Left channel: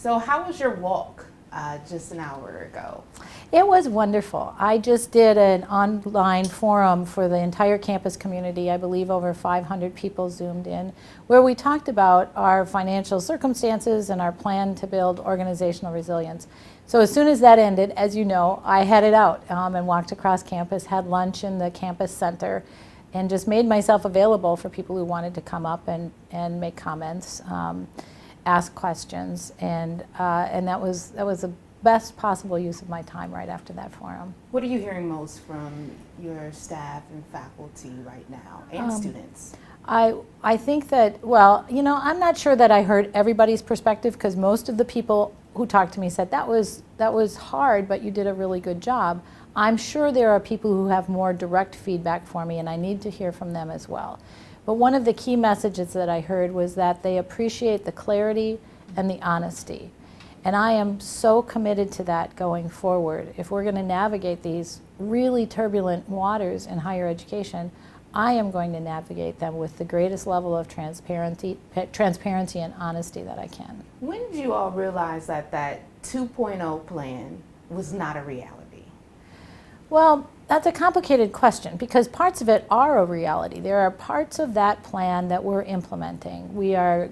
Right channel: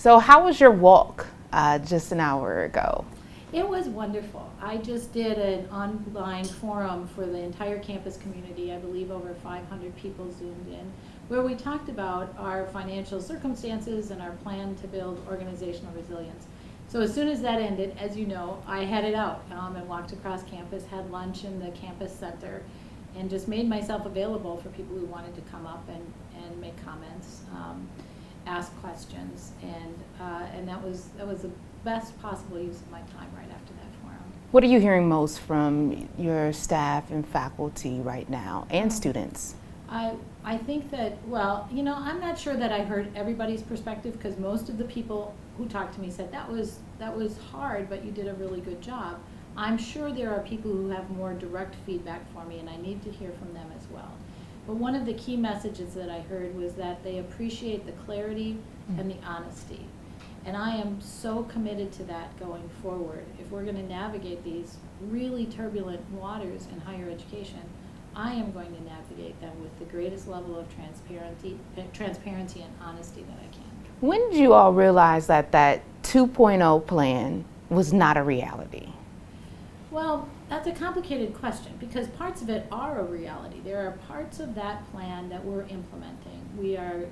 So how was your walk just an hour ago? It was wonderful. I just did an online forum for the entire campus community. I believe over 500 people Zoomed in, where we talked about our financial circumstances and our plan to build organizational resilience. So as soon as that ended, as you know, I headed out and walked across campus, had lunch in the campus center, and just made myself available for people who wanted to come up and make comments, ask questions, and that was the best possible use of my time right after that forum. What are you hearing most from your staff and faculty right now, and students? I think that, well, you know, I'm not sure that I heard everybody's perspective, because most of the people who talked to me said that was hard, but you did a really good job. I'm sure there are people who have more direct feedback for me, and I need to hear from them as well. But one of the key messages that I heard was that they appreciate the clarity and the honesty. And I am so committed to that going forward. If we're going to navigate these really turbulent waters in higher education, I am going to navigate them with the greatest level of transparency and honesty that I can. When did you all realize that that 2.0 plan was not a reality? Well, that's a complicated question, because parts of it are a reality. There are parts of that plan that we're implementing. We are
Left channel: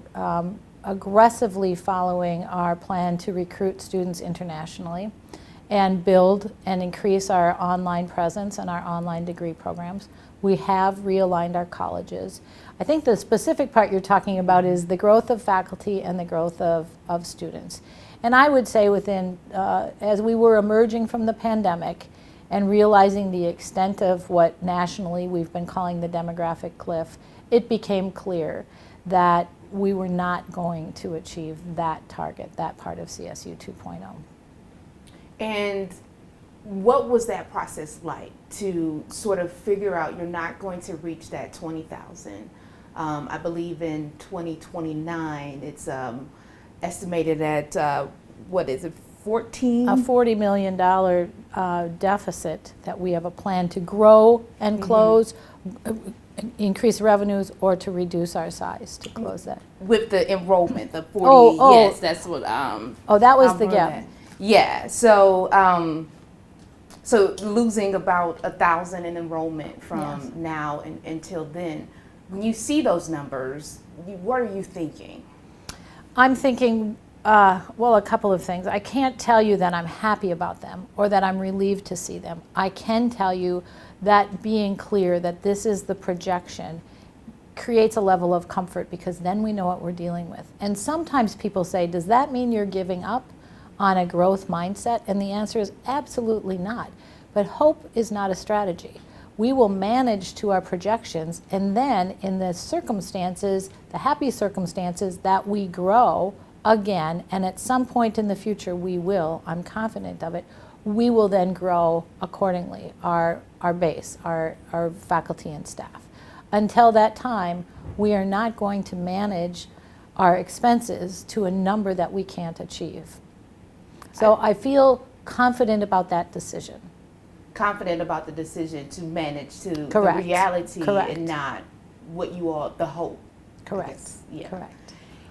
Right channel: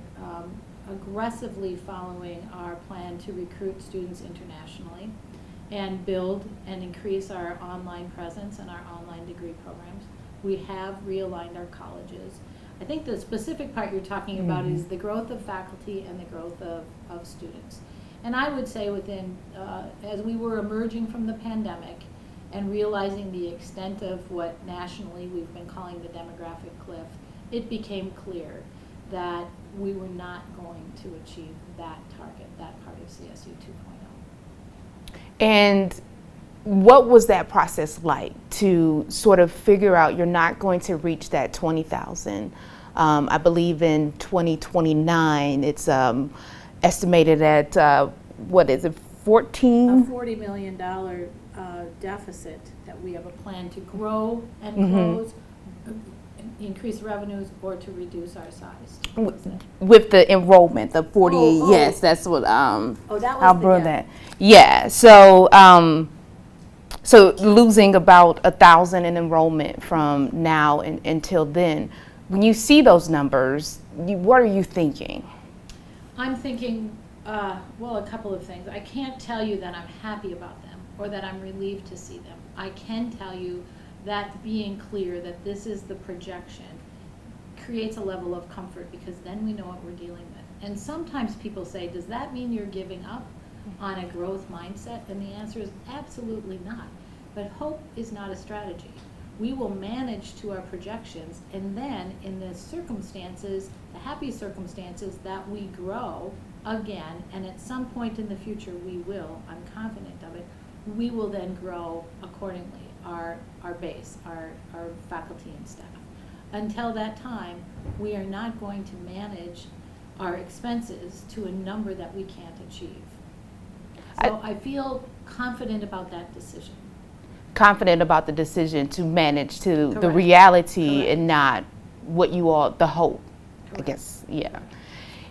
aggressively following our plan to recruit students internationally and build and increase our online presence and our online degree programs. We have realigned our colleges. I think the specific part you're talking about is the growth of faculty and the growth of students. And I would say within, as we were emerging from the pandemic and realizing the extent of what nationally we've been calling the demographic cliff, it became clear that we were not going to achieve that target, that part of CSU 2.0. And what was that process like to sort of figure out you're not going to reach that 20,000? I believe in 2029, it's estimated at, what is it, 14? A $40 million deficit that we have a plan to grow and close, increase revenues, or to reduce our size to close that. With the enrollment, the 40, yes, that's what, that was the gap. Yeah, so, so losing about 1,000 in enrollment from now until then. When you see those numbers, what are you thinking? I'm thinking, well, a couple of things. I can't tell you that I'm happy about them or that I'm relieved to see them. I can tell you that being clear that this is the projection creates a level of comfort, because then we know what we're dealing with. And sometimes people say, does that mean you're giving up on a growth mindset? And the answer is absolutely not. But hope is not a strategy. We will manage to our projections, and then in the circumstances, the happy circumstances that we grow again, and at some point in the future we will, I'm confident of it, we will then grow accordingly, our base, our faculty and staff. Until that time, we are not going to manage our expenses to a number that we can't achieve. So I feel confident about that decision. Confident about the decision to manage to the reality and not what you all, the hope. Correct. I guess, yeah. Correct.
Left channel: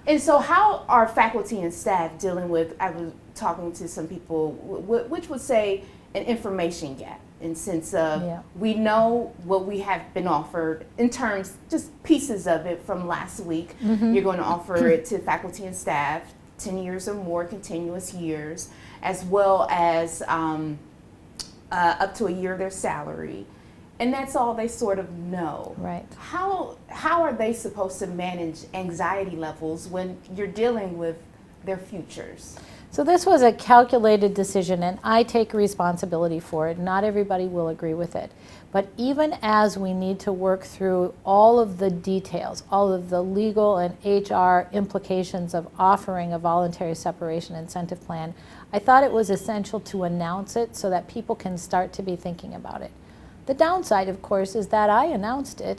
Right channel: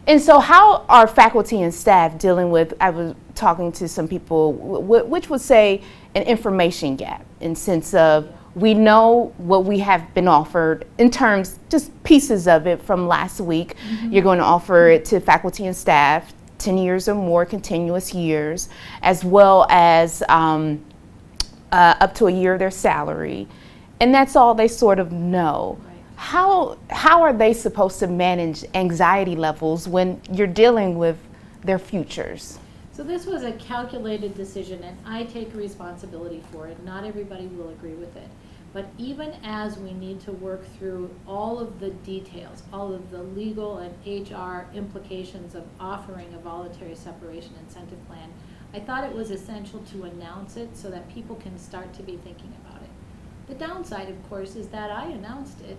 And so how are faculty and staff dealing with, I was talking to some people, which would say an information gap, in sense of we know what we have been offered in terms, just pieces of it from last week. You're going to offer it to faculty and staff, 10 years or more continuous years, as well as up to a year of their salary. And that's all they sort of know. Right. How are they supposed to manage anxiety levels when you're dealing with their futures? So this was a calculated decision, and I take responsibility for it. Not everybody will agree with it. But even as we need to work through all of the details, all of the legal and HR implications of offering a voluntary separation incentive plan, I thought it was essential to announce it so that people can start to be thinking about it. The downside, of course, is that I announced it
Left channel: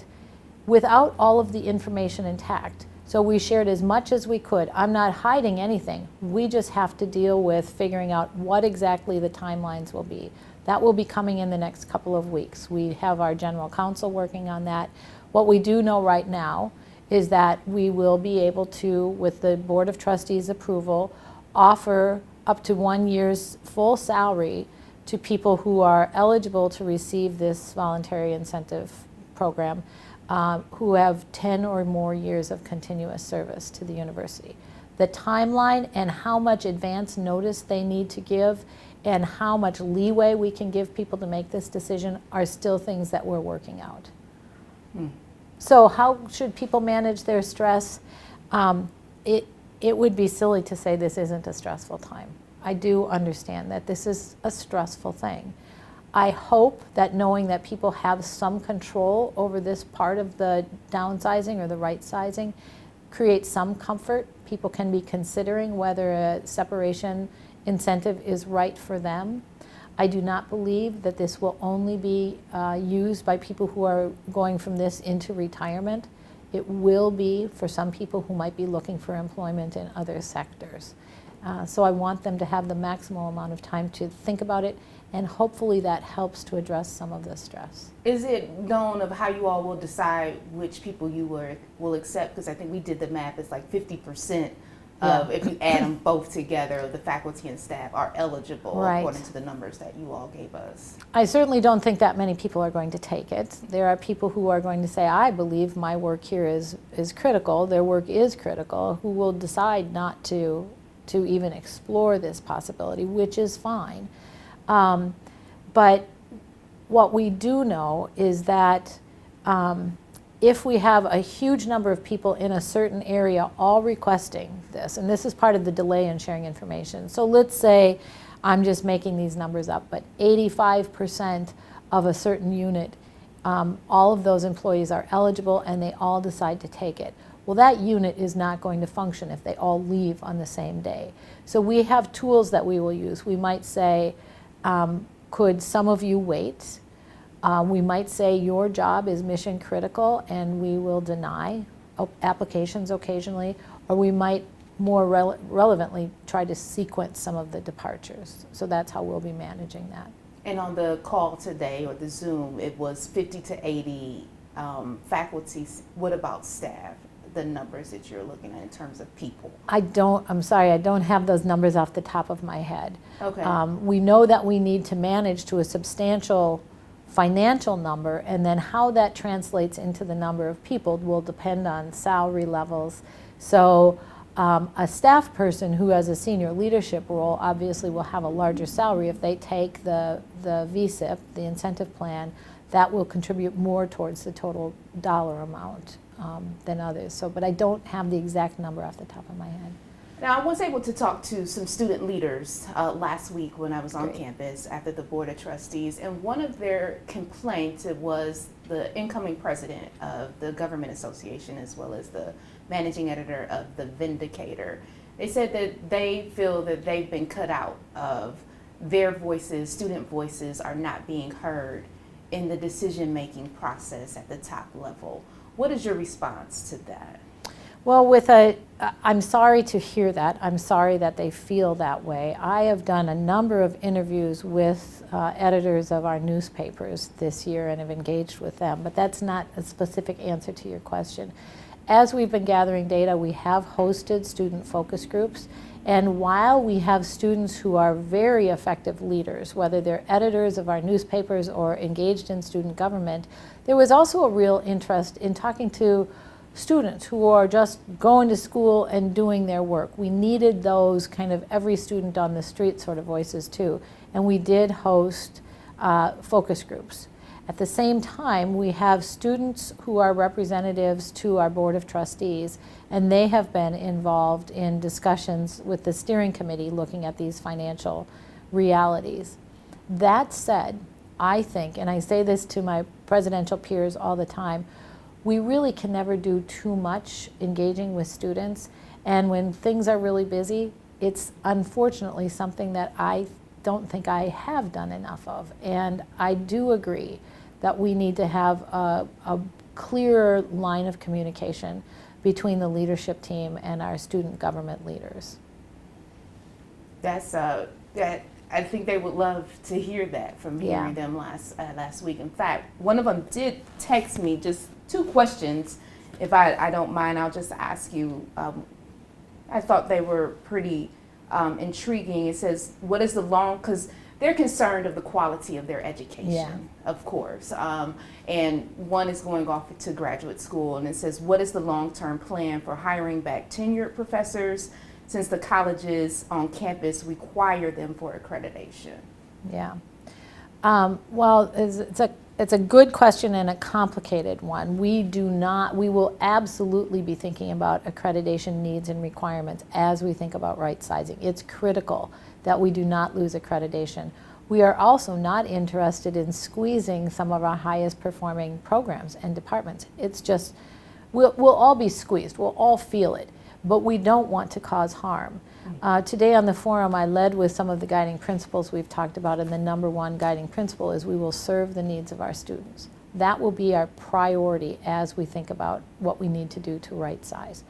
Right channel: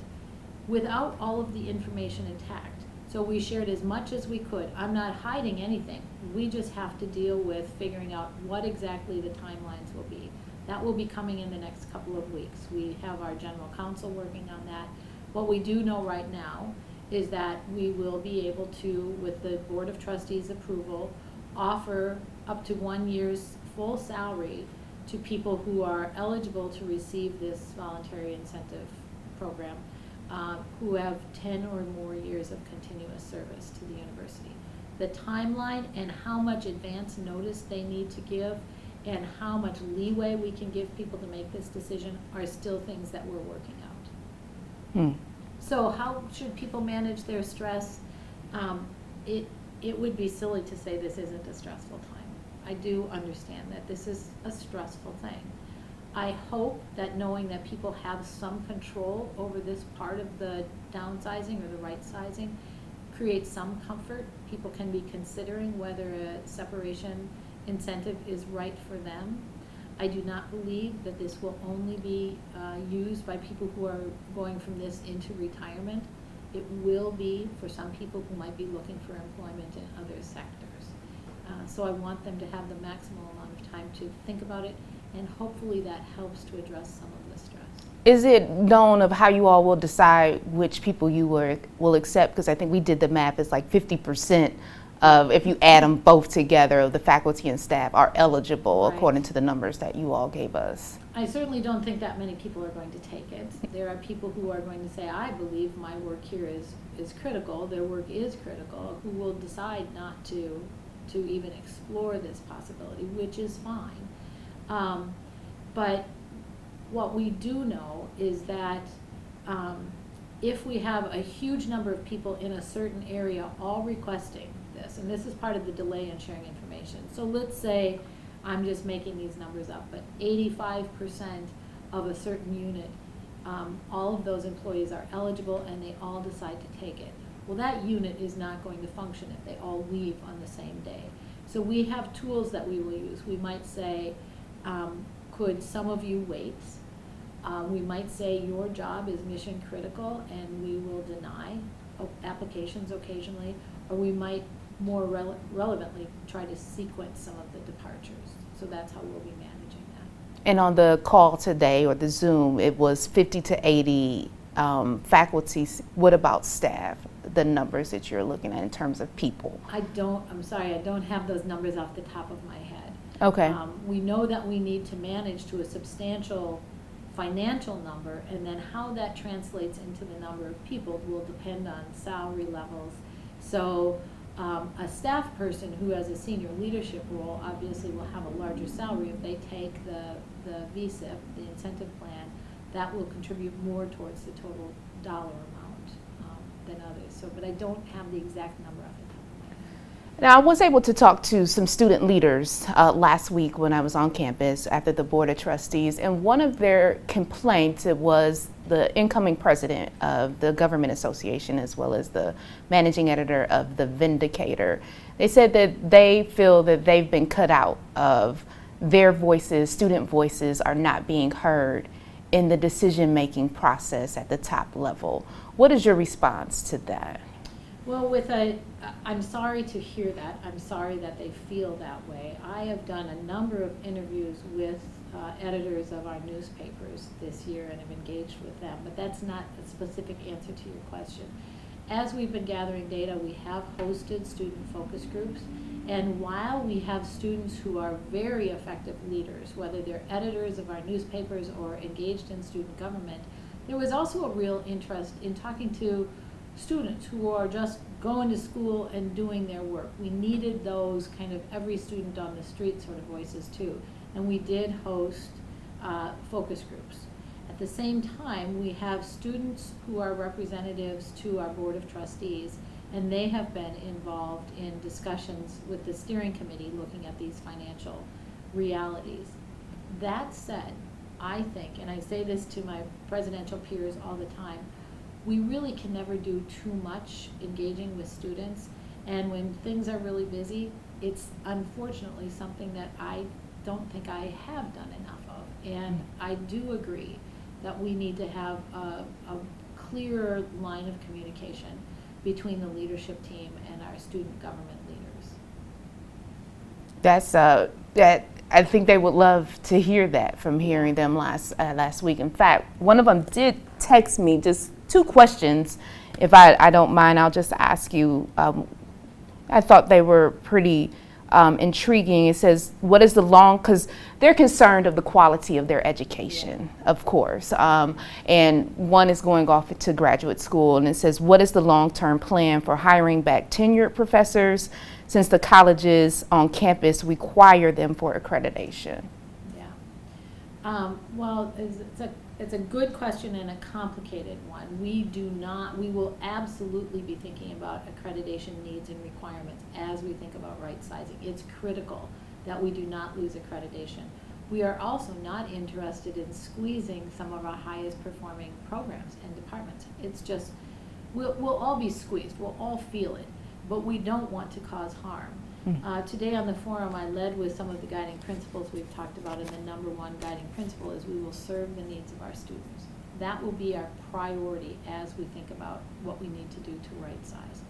without all of the information intact. So we shared as much as we could. I'm not hiding anything. We just have to deal with figuring out what exactly the timelines will be. That will be coming in the next couple of weeks. We have our general counsel working on that. What we do know right now is that we will be able to, with the Board of Trustees approval, offer up to 1 year's full salary to people who are eligible to receive this voluntary incentive program, who have 10 or more years of continuous service to the university. The timeline and how much advance notice they need to give and how much leeway we can give people to make this decision are still things that we're working out. So how should people manage their stress? It would be silly to say this isn't a stressful time. I do understand that this is a stressful thing. I hope that knowing that people have some control over this part of the downsizing or the right sizing creates some comfort. People can be considering whether a separation incentive is right for them. I do not believe that this will only be used by people who are going from this into retirement. It will be for some people who might be looking for employment in other sectors. So I want them to have the maximal amount of time to think about it, and hopefully that helps to address some of the stress. Is it known of how you all will decide which people you will accept? Because I think we did the math, it's like 50% of, if you add them both together, of the faculty and staff are eligible, Right. according to the numbers that you all gave us. I certainly don't think that many people are going to take it. There are people who are going to say, I believe my work here is critical, their work is critical, who will decide not to even explore this possibility, which is fine. But what we do know is that if we have a huge number of people in a certain area all requesting this, and this is part of the delay in sharing information. So let's say, I'm just making these numbers up, but 85% of a certain unit, all of those employees are eligible and they all decide to take it. Well, that unit is not going to function if they all leave on the same day. So we have tools that we will use. We might say, could some of you wait? We might say your job is mission critical and we will deny applications occasionally, or we might more relevantly try to sequence some of the departures. So that's how we'll be managing that. And on the call today, or the Zoom, it was 50 to 80 faculty. What about staff? The numbers that you're looking at in terms of people? I'm sorry, I don't have those numbers off the top of my head. Okay. We know that we need to manage to a substantial financial number, and then how that translates into the number of people will depend on salary levels. So a staff person who has a senior leadership role obviously will have a larger salary if they take the VSIP, the incentive plan. That will contribute more towards the total dollar amount than others. So, but I don't have the exact number off the top of my head. Now, I was able to talk to some student leaders last week when I was on campus after the Board of Trustees, and one of their complaints was the incoming president of the Government Association, as well as the managing editor of The Vindicator. They said that they feel that they've been cut out of their voices, student voices are not being heard in the decision-making process at the top level. What is your response to that? Well, I'm sorry to hear that. I'm sorry that they feel that way. I have done a number of interviews with editors of our newspapers this year and have engaged with them, but that's not a specific answer to your question. As we've been gathering data, we have hosted student focus groups, and while we have students who are very effective leaders, whether they're editors of our newspapers or engaged in student government, there was also a real interest in talking to students who are just going to school and doing their work. We needed those kind of every student on the street sort of voices too, and we did host focus groups. At the same time, we have students who are representatives to our Board of Trustees, and they have been involved in discussions with the steering committee looking at these financial realities. That said, I think, and I say this to my presidential peers all the time, we really can never do too much engaging with students, and when things are really busy, it's unfortunately something that I don't think I have done enough of. And I do agree that we need to have a clearer line of communication between the leadership team and our student government leaders. That's that. I think they would love to hear that from hearing them last week. In fact, one of them did text me just 2 questions. If I don't mind, I'll just ask you. I thought they were pretty intriguing. It says, what is the because they're concerned of the quality of their education, of course. And one is going off to graduate school, and it says, what is the long-term plan for hiring back tenured professors since the colleges on campus require them for accreditation? Yeah. Well, it's a good question and a complicated one. We will absolutely be thinking about accreditation needs and requirements as we think about right sizing. It's critical that we do not lose accreditation. We are also not interested in squeezing some of our highest performing programs and departments. It's just, we'll all be squeezed, we'll all feel it, but we don't want to cause harm. Today on the forum, I led with some of the guiding principles we've talked about, and the number one guiding principle is we will serve the needs of our students. That will be our priority as we think about what we need to do to right size.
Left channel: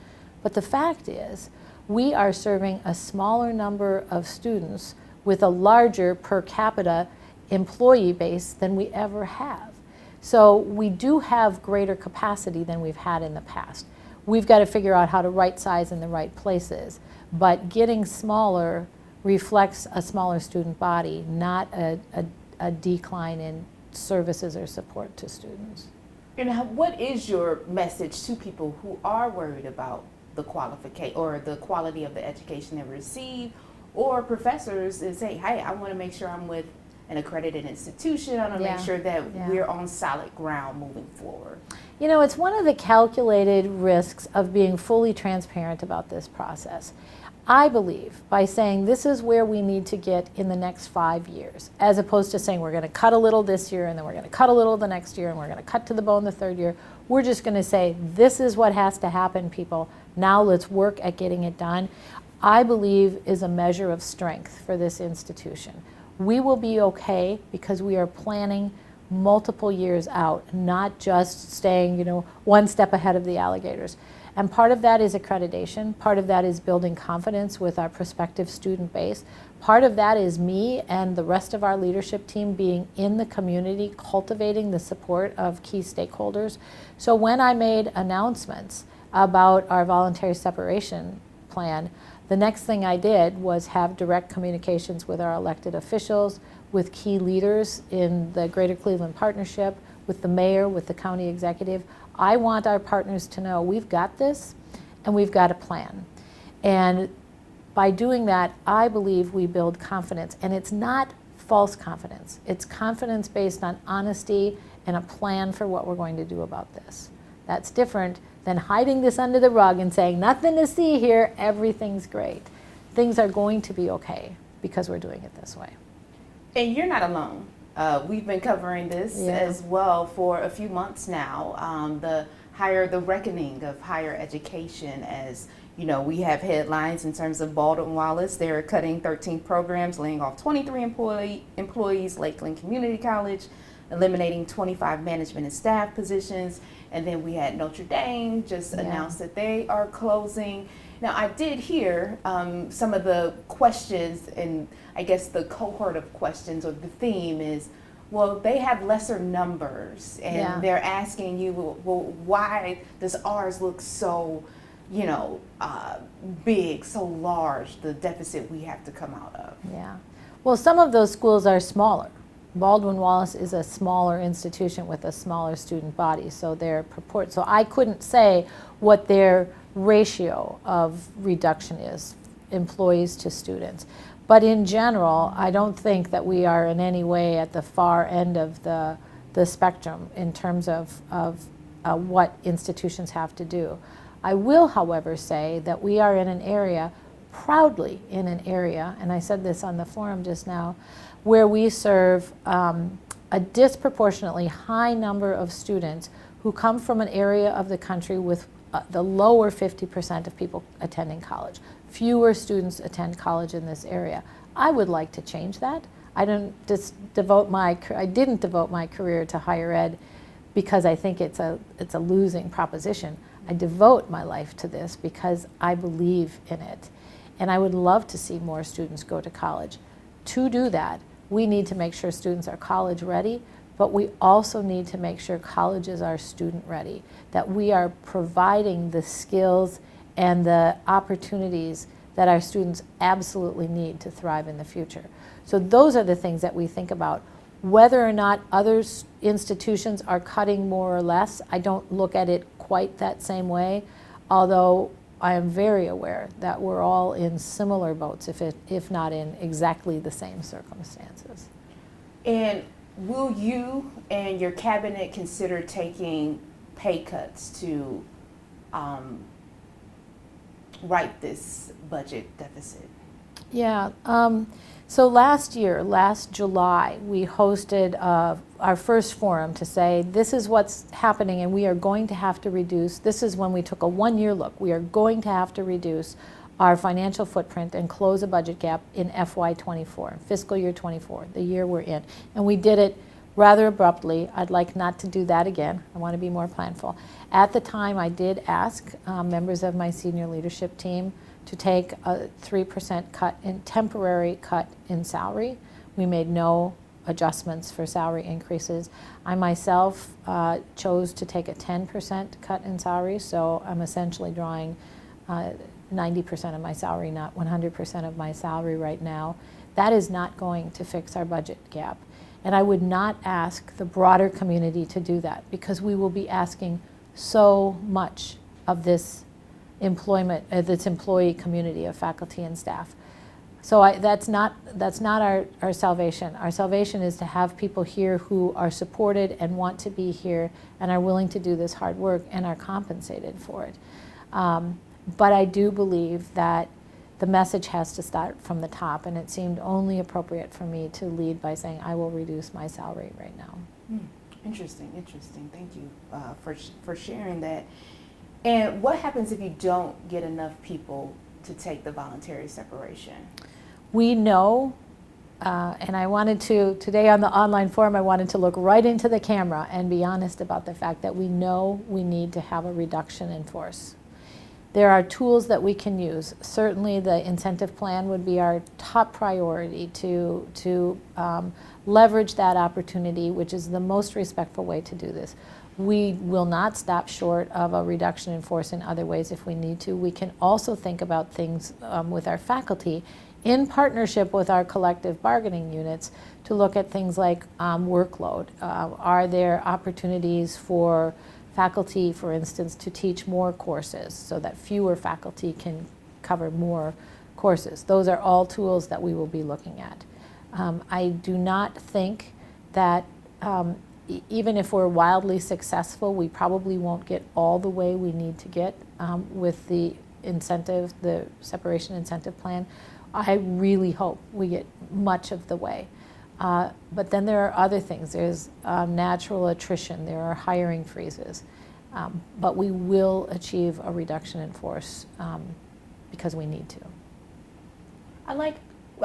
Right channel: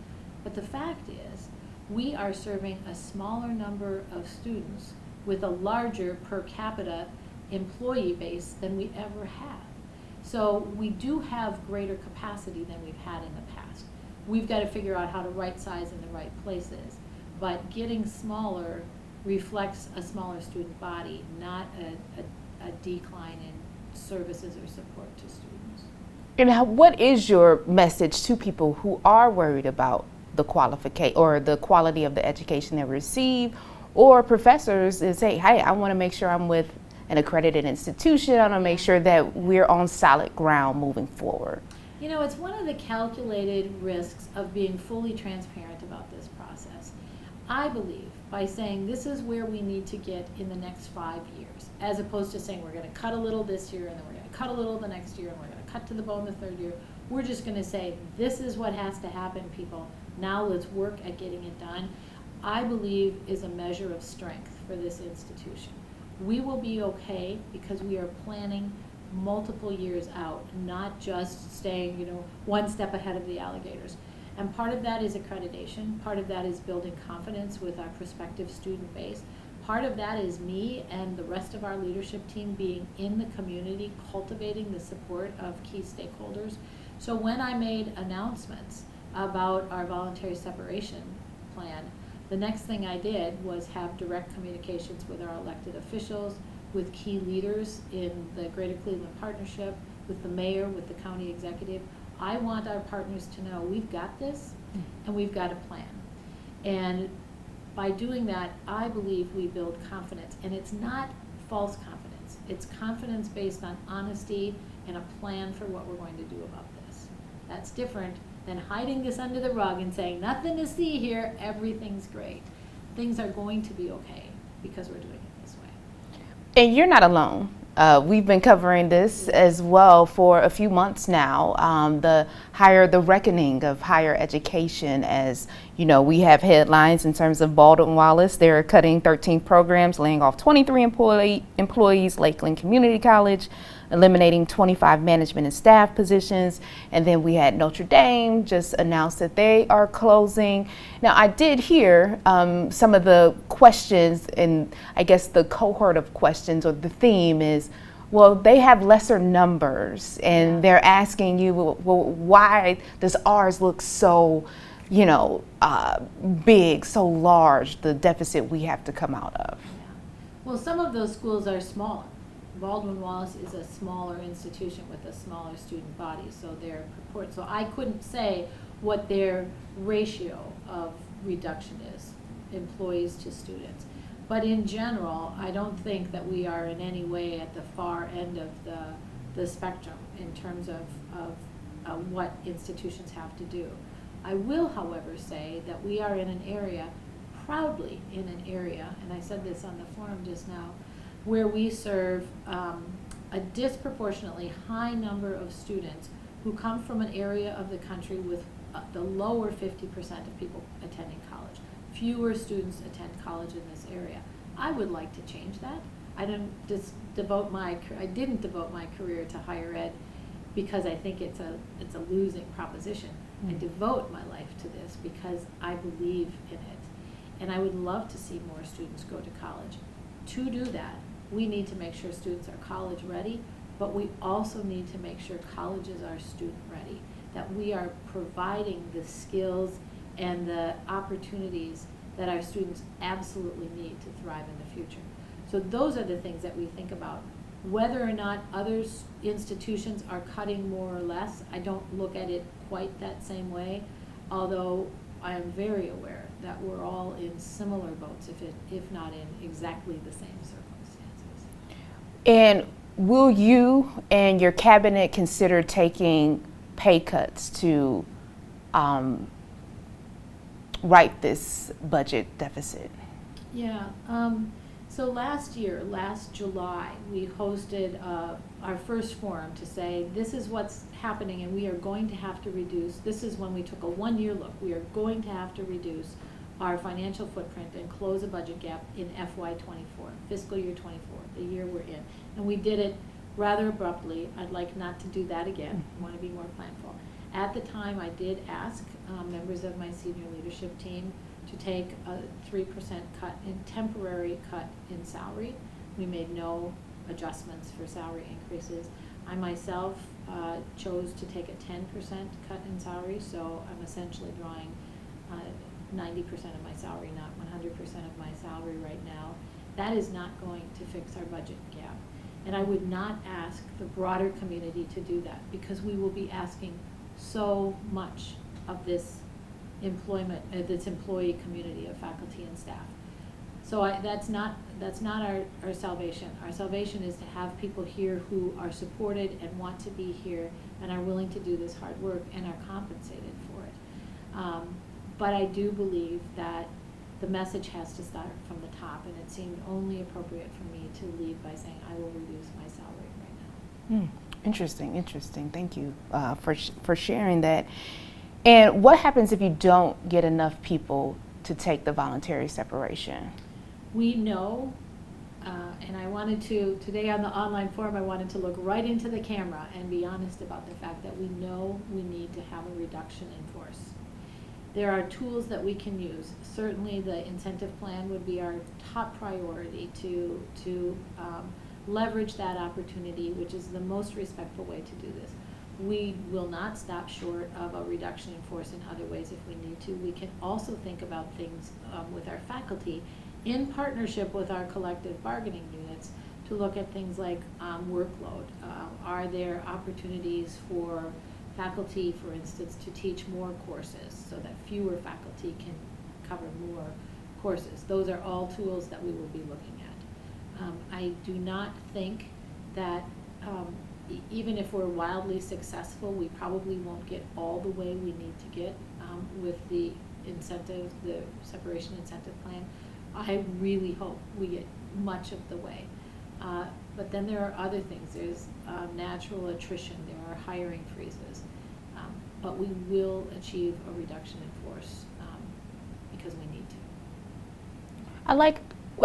But the fact is, we are serving a smaller number of students with a larger per capita employee base than we ever have. So we do have greater capacity than we've had in the past. We've got to figure out how to right size in the right places. But getting smaller reflects a smaller student body, not a decline in services or support to students. And what is your message to people who are worried about the qualification or the quality of the education they receive, or professors that say, hey, I want to make sure I'm with an accredited institution, I want to make sure that we're on solid ground moving forward? You know, it's one of the calculated risks of being fully transparent about this process. I believe by saying this is where we need to get in the next 5 years, as opposed to saying we're going to cut a little this year and then we're going to cut a little the next year and we're going to cut to the bone the third year. We're just going to say this is what has to happen, people. Now let's work at getting it done. I believe is a measure of strength for this institution. We will be okay because we are planning multiple years out, not just staying, one step ahead of the alligators. And part of that is accreditation. Part of that is building confidence with our prospective student base. Part of that is me and the rest of our leadership team being in the community, cultivating the support of key stakeholders. So when I made announcements about our voluntary separation plan, the next thing I did was have direct communications with our elected officials, with key leaders in the Greater Cleveland Partnership, with the mayor, with the county executive. I want our partners to know we've got this and we've got a plan. And by doing that, I believe we build confidence. And it's not false confidence. It's confidence based on honesty and a plan for what we're going to do about this. That's different than hiding this under the rug and saying, nothing to see here, everything's great. Things are going to be okay because we're doing it this way. And you're not alone. We've been covering this as well for a few months now. The reckoning of higher education, as you know, we have headlines in terms of Baldwin Wallace. They're cutting 13 programs, laying off 23 employees, Lakeland Community College, eliminating 25 management and staff positions. And then we had Notre Dame just announced that they are closing. Now, I did hear some of the questions, and I guess the cohort of questions or the theme is, well, they have lesser numbers, and they're asking you, well, why does ours look so, big, so large, the deficit we have to come out of? Yeah. Well, some of those schools are smaller. Baldwin Wallace is a smaller institution with a smaller student body, so so I couldn't say what their ratio of reduction is, employees to students. But in general, I don't think that we are in any way at the far end of the spectrum in terms of what institutions have to do. I will, however, say that we are in an area, proudly in an area, and I said this on the forum just now, where we serve a disproportionately high number of students who come from an area of the country with the lower 50% of people attending college. Fewer students attend college in this area. I would like to change that. I didn't devote my career to higher ed because I think it's a losing proposition. I devote my life to this because I believe in it. And I would love to see more students go to college. To do that, we need to make sure students are college ready, but we also need to make sure colleges are student ready, that we are providing the skills and the opportunities that our students absolutely need to thrive in the future. So those are the things that we think about. Whether or not other institutions are cutting more or less, I don't look at it quite that same way, although I am very aware that we're all in similar boats, if not in exactly the same circumstances. And will you and your cabinet consider taking pay cuts to right this budget deficit? Yeah. So last July, we hosted our first forum to say, this is what's happening and we are going to have to reduce. This is when we took a one-year look. We are going to have to reduce our financial footprint and close a budget gap in FY24, fiscal year 24, the year we're in. And we did it rather abruptly. I'd like not to do that again. I want to be more planful. At the time, I did ask members of my senior leadership team to take a 3% temporary cut in salary. We made no adjustments for salary increases. I myself chose to take a 10% cut in salary, so I'm essentially drawing 90% of my salary, not 100% of my salary right now. That is not going to fix our budget gap. And I would not ask the broader community to do that, because we will be asking so much of this this employee community of faculty and staff. So that's not our salvation. Our salvation is to have people here who are supported and want to be here and are willing to do this hard work and are compensated for it. But I do believe that the message has to start from the top, and it seemed only appropriate for me to lead by saying I will reduce my salary right now. Interesting. Thank you for sharing that. And what happens if you don't get enough people to take the voluntary separation? We know, and I wanted to, today on the online forum, I wanted to look right into the camera and be honest about the fact that we know we need to have a reduction in force. There are tools that we can use. Certainly the incentive plan would be our top priority to leverage that opportunity, which is the most respectful way to do this. We will not stop short of a reduction in force in other ways if we need to. We can also think about things with our faculty in partnership with our collective bargaining units to look at things like workload. Are there opportunities for faculty, for instance, to teach more courses so that fewer faculty can cover more courses? Those are all tools that we will be looking at. I do not think that even if we're wildly successful, we probably won't get all the way we need to get with the incentive, the separation incentive plan. I really hope we get much of the way. But then there are other things. There's natural attrition. There are hiring freezes. But we will achieve a reduction in force because we need to. I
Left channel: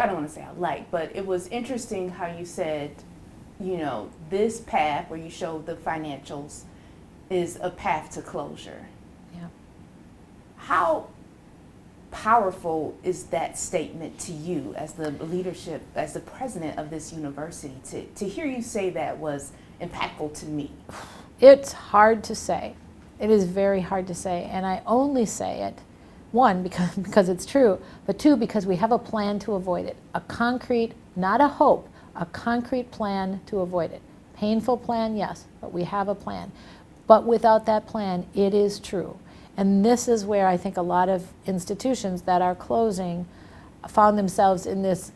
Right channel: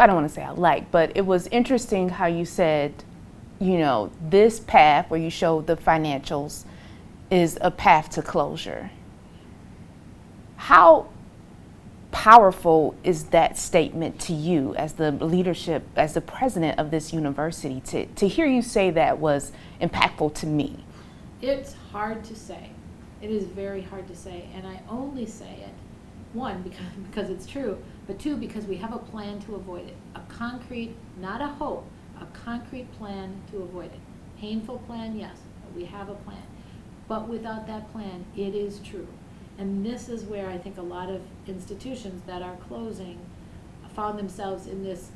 don't want to say I like, but it was interesting how you said, you know, this path where you showed the financials is a path to closure. Yeah. How powerful is that statement to you as the leadership, as the president of this university? To hear you say that was impactful to me. It's hard to say. It is very hard to say, and I only say it, one, because it's true, but two, because we have a plan to avoid it. A concrete, not a hope, a concrete plan to avoid it. Painful plan, yes, but we have a plan. But without that plan, it is true. And this is where I think a lot of institutions that are closing found themselves in this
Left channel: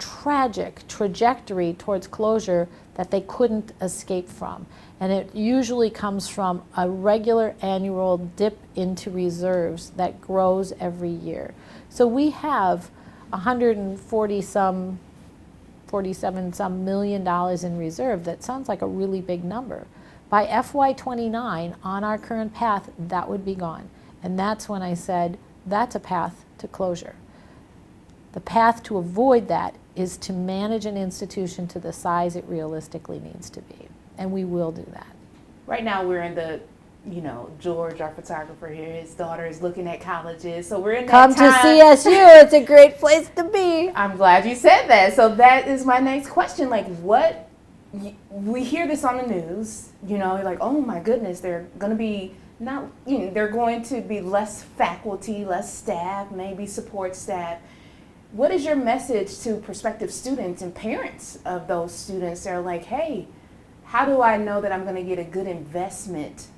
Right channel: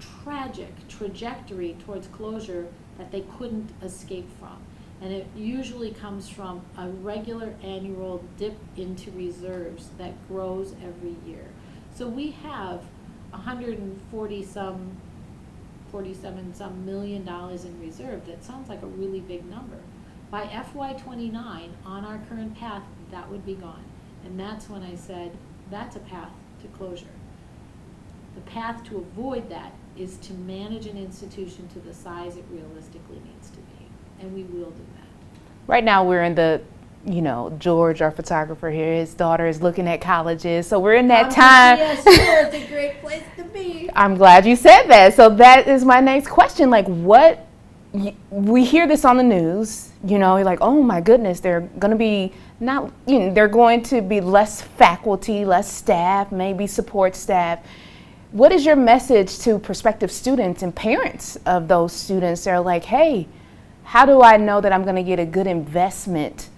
tragic trajectory towards closure that they couldn't escape from. And it usually comes from a regular annual dip into reserves that grows every year. So we have 47 some million dollars in reserve. That sounds like a really big number. By FY29, on our current path, that would be gone. And that's when I said, that's a path to closure. The path to avoid that is to manage an institution to the size it realistically needs to be. And we will do that. Right now we're in the, you know, George, our photographer here, his daughter is looking at colleges. So we're in that time. Come to CSU, it's a great place to be. I'm glad you said that. So that is my next question. Like, what, we hear this on the news, you know, like, oh my goodness, there are going to be not, they're going to be less faculty, less staff, maybe support staff. What is your message to prospective students and parents of those students that are like, hey, how do I know that I'm going to get a good investment?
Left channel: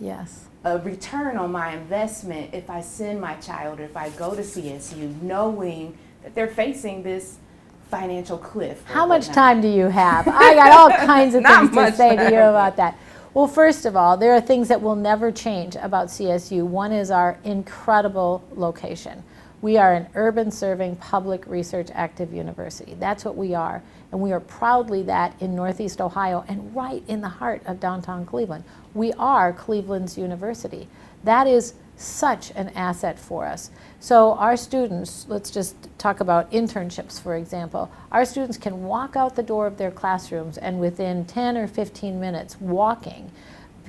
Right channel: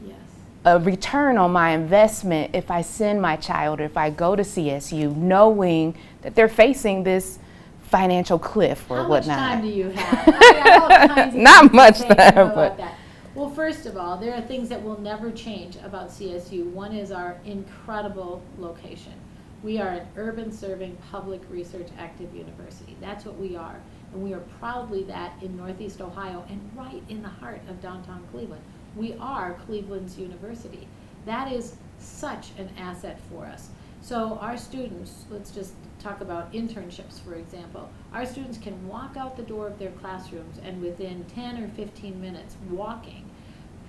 Yes. A return on my investment if I send my child, or if I go to CSU, knowing that they're facing this financial cliff or How much whatnot. time do you have? I got all kinds of Not things much to say to time, you about but- that. Well, first of all, there are things that will never change about CSU. One is our incredible location. We are an urban serving public research active university. That's what we are. And we are proudly that in Northeast Ohio and right in the heart of downtown Cleveland. We are Cleveland's university. That is such an asset for us. So our students, let's just talk about internships, for example. Our students can walk out the door of their classrooms and within 10 or 15 minutes walking,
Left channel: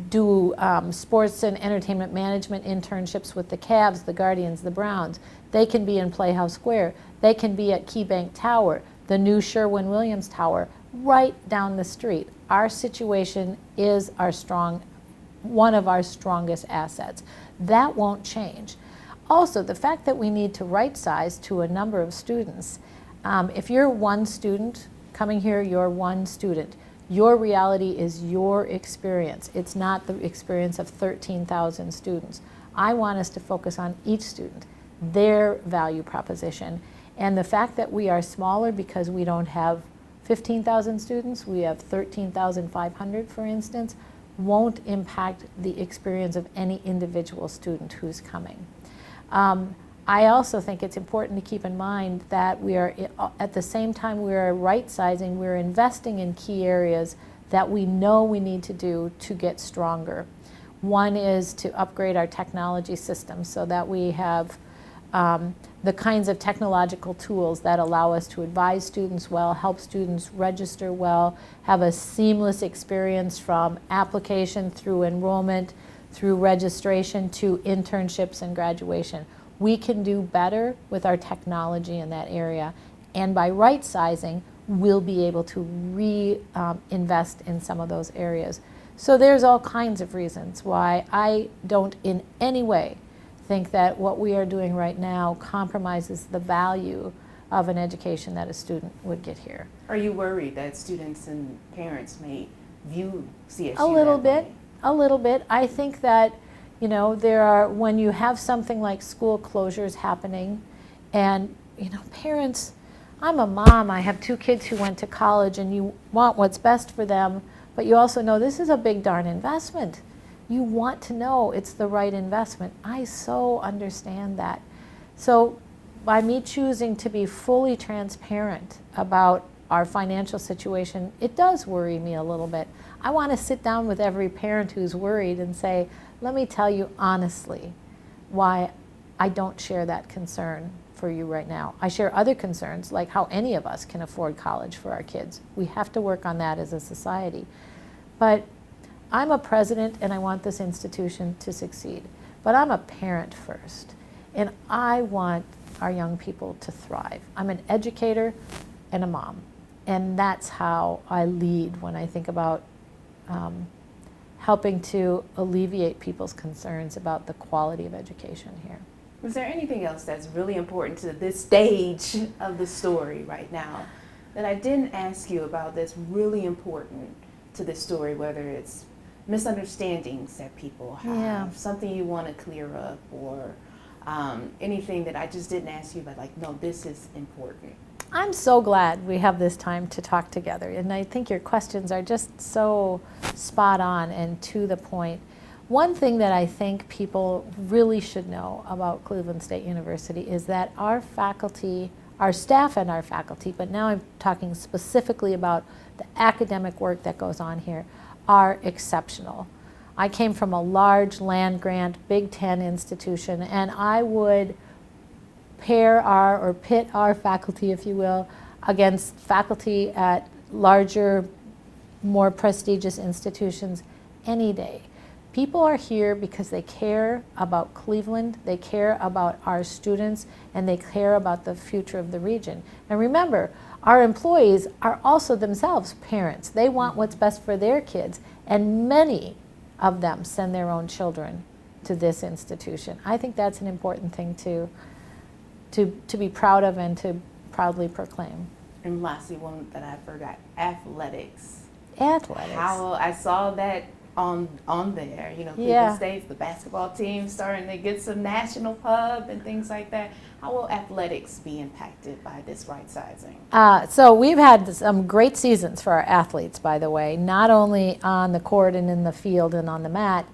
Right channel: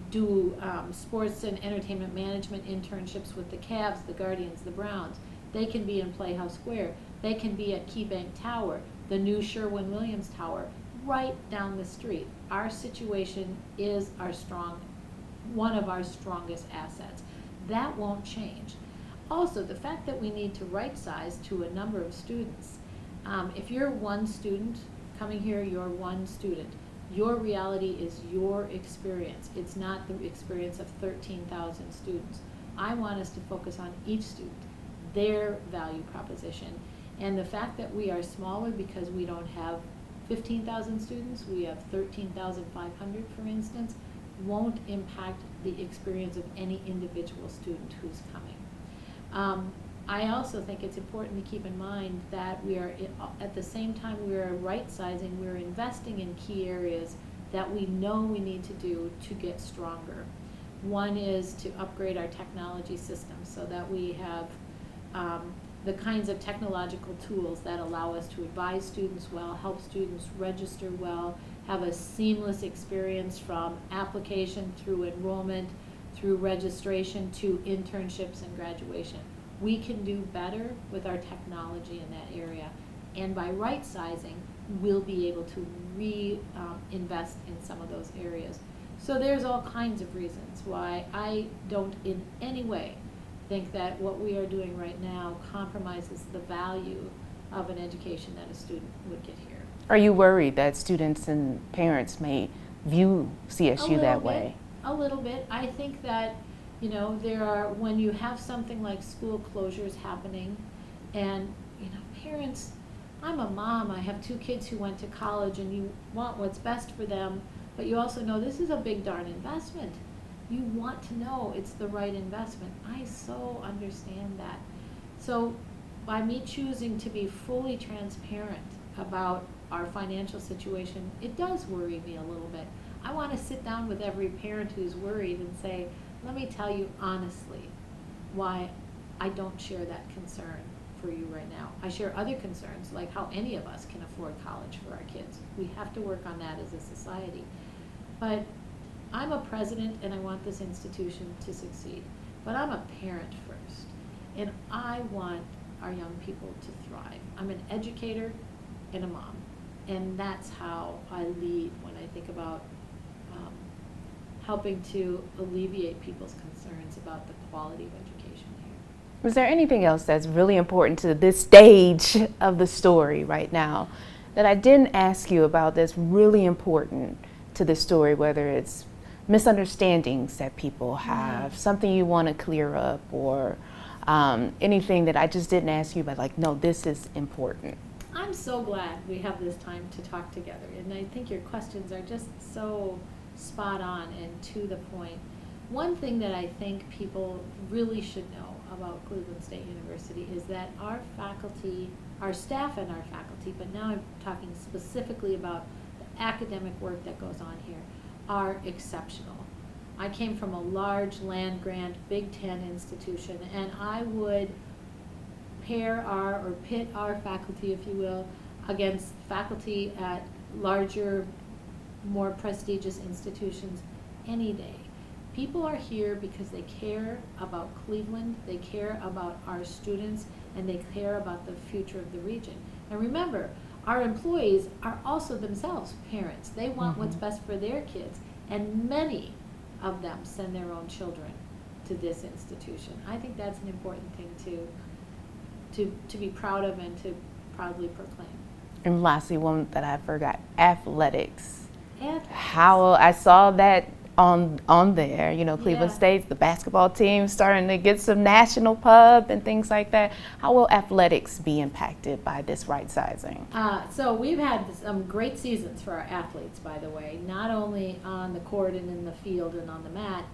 do sports and entertainment management internships with the Cavs, the Guardians, the Browns. They can be in Playhouse Square. They can be at KeyBank Tower, the new Sherwin-Williams Tower, right down the street. Our situation is one of our strongest assets. That won't change. Also, the fact that we need to right size to a number of students. If you're one student coming here, you're one student. Your reality is your experience. It's not the experience of 13,000 students. I want us to focus on each student, their value proposition. And the fact that we are smaller because we don't have 15,000 students, we have 13,500, for instance, won't impact the experience of any individual student who's coming. I also think it's important to keep in mind that we are, at the same time we are right-sizing, we're investing in key areas that we know we need to do to get stronger. One is to upgrade our technology systems so that we have the kinds of technological tools that allow us to advise students well, help students register well, have a seamless experience from application through enrollment, through registration to internships and graduation. We can do better with our technology in that area, and by right sizing, we'll be able to invest in some of those areas. So there's all kinds of reasons why I don't in any way think that what we are doing right now compromises the value of an education that a student would get here. Are you worried that students and parents may view CSU that way? A little bit. I think that, when you have something like school closures happening and, parents, I'm a mom, I have 2 kids who went to college and you want what's best for them, but you also know this is a big darn investment. You want to know it's the right investment. I so understand that. So by me choosing to be fully transparent about our financial situation, it does worry me a little bit. I want to sit down with every parent who's worried and say, let me tell you honestly why I don't share that concern for you right now. I share other concerns, like how any of us can afford college for our kids. We have to work on that as a society. But I'm a president and I want this institution to succeed. But I'm a parent first, and I want our young people to thrive. I'm an educator and a mom, and that's how I lead when I think about helping to alleviate people's concerns about the quality of education here. Was there anything else that's really important to this stage of the story right now that I didn't ask you about that's really important to the story, whether it's misunderstandings that people have, something you want to clear up, or anything that I just didn't ask you, but like, no, this is important? I'm so glad we have this time to talk together, and I think your questions are just so spot on and to the point. One thing that I think people really should know about Cleveland State University is that our faculty, our staff and our faculty, but now I'm talking specifically about the academic work that goes on here, are exceptional. I came from a large land-grant Big Ten institution, and I would pit our faculty, if you will, against faculty at larger, more prestigious institutions any day. People are here because they care about Cleveland, they care about our students, and they care about the future of the region. And remember, our employees are also themselves parents. They want what's best for their kids, and many of them send their own children to this institution. I think that's an important thing to be proud of and to proudly proclaim. And lastly, one that I forgot, athletics. Athletics. How I saw that on there, Cleveland Yeah. State's, the basketball team starting to get some national pub and things like that. How will athletics be impacted by this right sizing? So we've had some great seasons for our athletes, by the way, not only on the court and in the field and on the mat,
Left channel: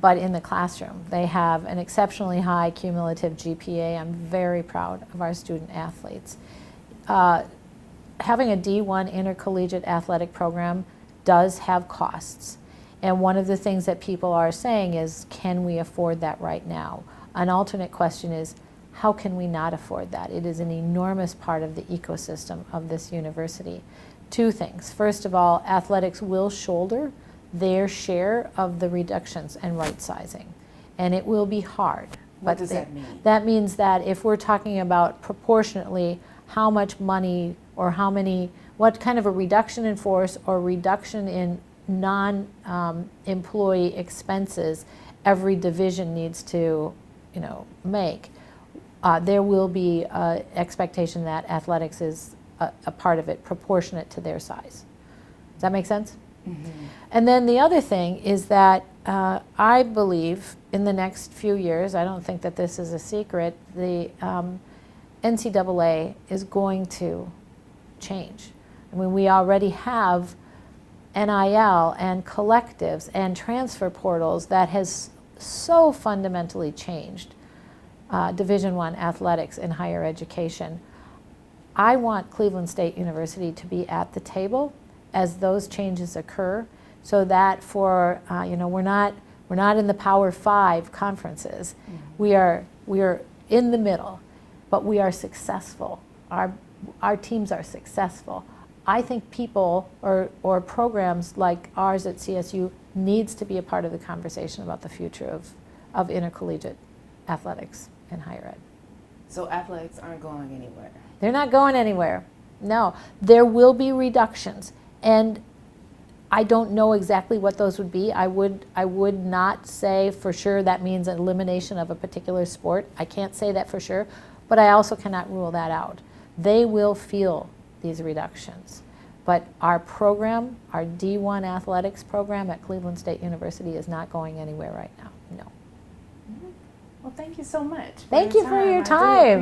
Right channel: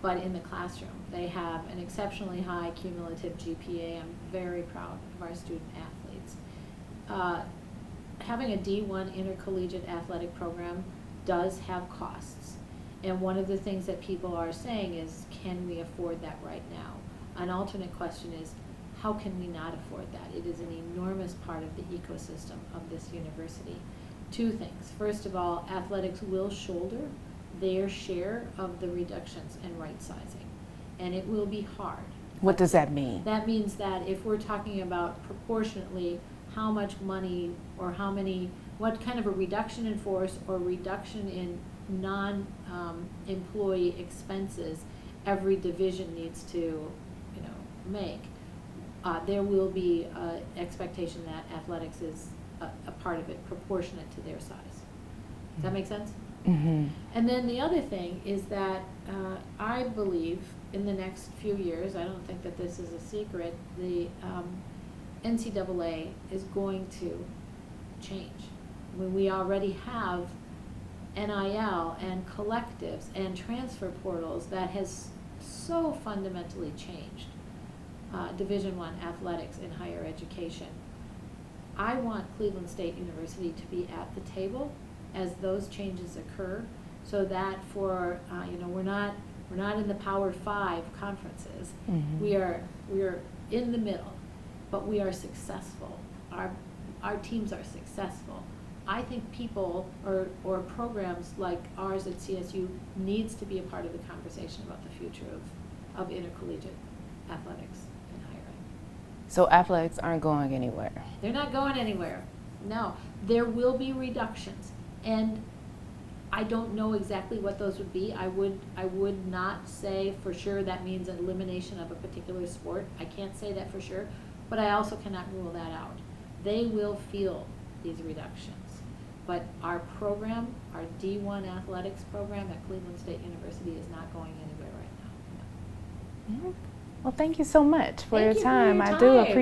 but in the classroom. They have an exceptionally high cumulative GPA. I'm very proud of our student athletes. Having a D1 intercollegiate athletic program does have costs. And one of the things that people are saying is, can we afford that right now? An alternate question is, how can we not afford that? It is an enormous part of the ecosystem of this university. Two things. First of all, athletics will shoulder their share of the reductions and right sizing. And it will be hard. What does that mean? That means that if we're talking about proportionately how much money or what kind of a reduction in force or reduction in non-employee expenses every division needs to, make, there will be an expectation that athletics is a part of it, proportionate to their size. Does that make sense? Mm-hmm. And then the other thing is that I believe in the next few years, I don't think that this is a secret, the NCAA is going to change. I mean, we already have NIL and collectives and transfer portals that has so fundamentally changed Division I athletics in higher education. I want Cleveland State University to be at the table as those changes occur, so that for we're not in the Power 5 conferences. Mm-hmm. We are in the middle, but we are successful. Our teams are successful. I think people or programs like ours at CSU needs to be a part of the conversation about the future of intercollegiate athletics in higher ed. So athletics aren't going anywhere? They're not going anywhere. No. There will be reductions. And I don't know exactly what those would be. I would not say for sure that means an elimination of a particular sport. I can't say that for sure, but I also cannot rule that out. They will feel these reductions. But our program, our D1 athletics program at Cleveland State University is not going anywhere right now, no. Mm-hmm. Well, thank you so much for Thank your you time. for your I do time.